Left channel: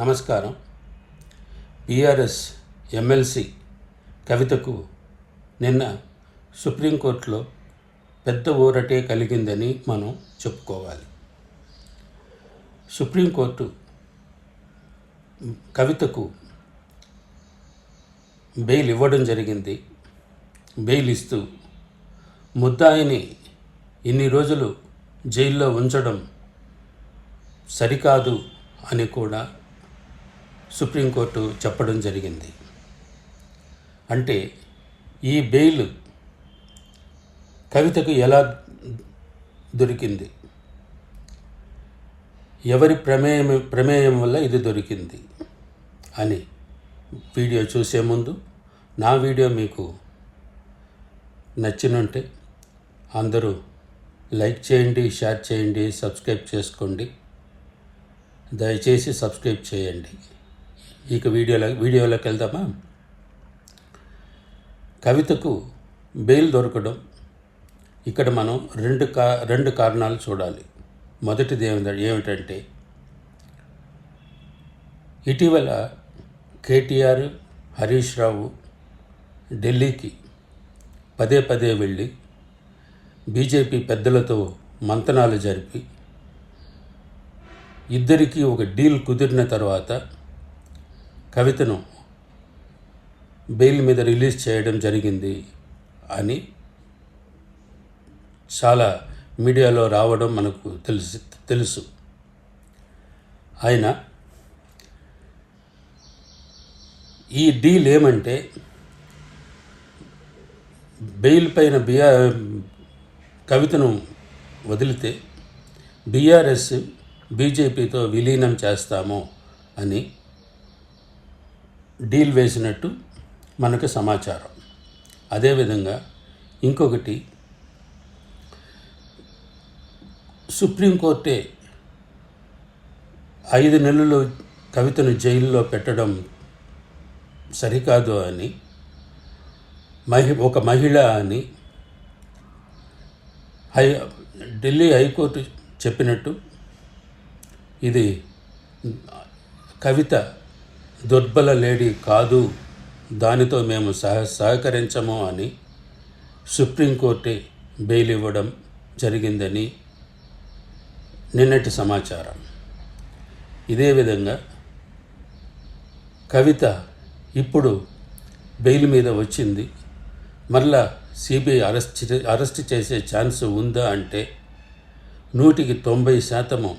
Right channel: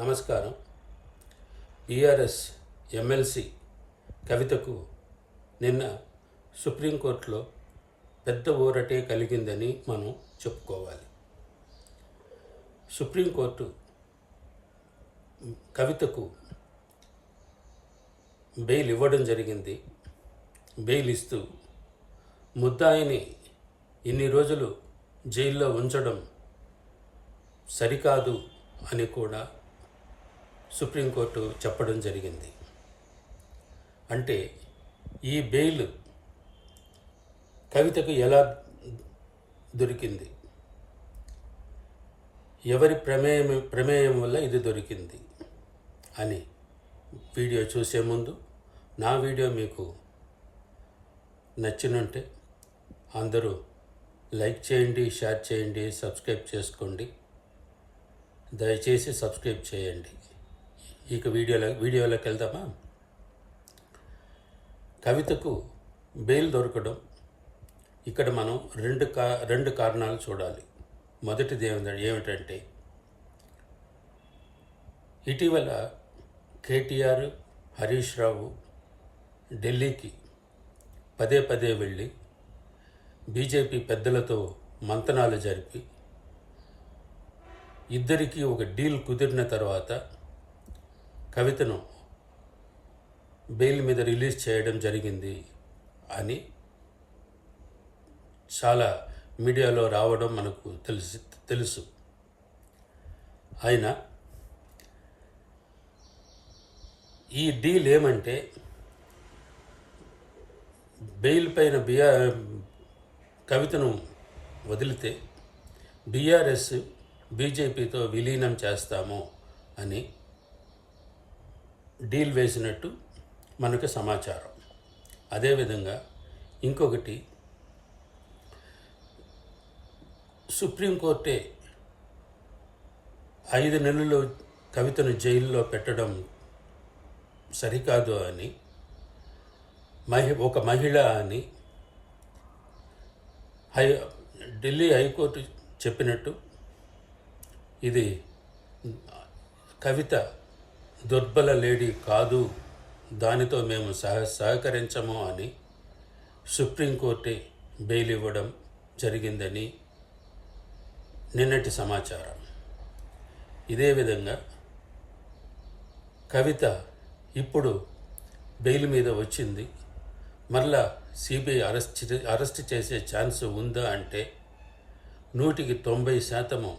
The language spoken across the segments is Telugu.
నమస్కారం. బీఆర్ఎస్ ఎమ్మెల్సీ కవితకు నిన్న సుప్రీంకోర్టులో పెద్ద ఊరటే కలిగిందని మనం చెప్పుకోవాలి. సుప్రీంకోర్టు కవితకు బెయిల్ ఇవ్వడం జరిగింది. బెయిల్ ఇస్తూ ముద్దాయిని ఇన్ని రోజులు జైల్లో ఉంచడం సరికాదు అని కూడా సుప్రీంకోర్టు చెప్పడం జరిగింది. అంటే ఈ బెయిల్ కవితకు ఎలా దొరికింది, ఎవరి ప్రమేయం వల్ల ఇది దొరికింది అని వీడియో చూసే ముందు నా వీడియో మీకు నచ్చినుంటే అందరూ లైక్ చేయండి, షేర్ చేయండి, సబ్స్క్రైబ్ చేసుకోండి. దయచేసి సబ్స్క్రైబ్ చేయండి. ఇక వీడియోలోకి వెళ్దామా. కవితకు బెయిల్ దొరకడం ఇక్కడ మనం రెండు కారణాలు చూడాలి. మొదటిది ఏమిటంటే ఇటీవల కేటీఆర్, హరీష్ రావు ఢిల్లీకి పదే వెళ్ళి బీజేపీ పెద్దలతో మంతనాలు జరిపి ఇద్దరికీ ఒక డీల్ కుదిరిన తర్వాత కవితను బెయిల్ మీద రిలీజ్ చేయడం జరిగింది అని చాలా మీడియాలో రావడం మనకు తెలుసు. ఆయన ఈ డీల్ ఏమంటే బెయిల్ పైన కవితను వదిలితే బీఆర్ఎస్ బీజేపీతో విలీనం చేస్తాము అని డీల్ వేసినట్టు మనకు సమాచారం. అదేవిధంగా ఇంకొకటి, సుప్రీంకోర్టే 5 నెలలు కవితను జైల్లో పెట్టడం సరికాదు అని ఒక మహిళ అని ఢిల్లీ హైకోర్టు చెప్పినట్టు ఇది కవిత దుర్బల లేడీ కాదు, దానితో మేము సహకరించము అని సుప్రీంకోర్టే బెయిల్ ఇవ్వడం జరిగిందని నిన్నటి సమాచారం. ఇదే విధంగా కవిత ఇప్పుడు బెయిల్ మీద వచ్చింది. మళ్ళా సిబిఐ అరెస్ట్ చేసే ఛాన్స్ ఉందా అంటే 190%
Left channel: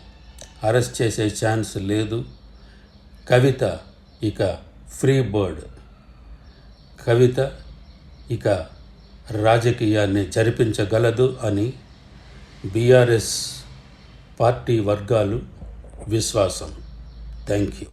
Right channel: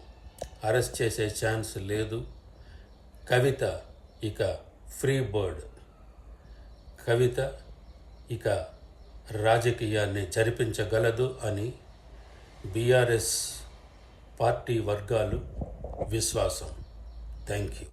అరెస్ట్ చేసే ఛాన్స్ లేదు. కవిత ఇక ఫ్రీ బర్డ్. కవిత ఇక రాజకీయాన్ని జరిపించగలదు అని బీఆర్ఎస్ పార్టీ వర్గాలు విశ్వాసం. Thank you.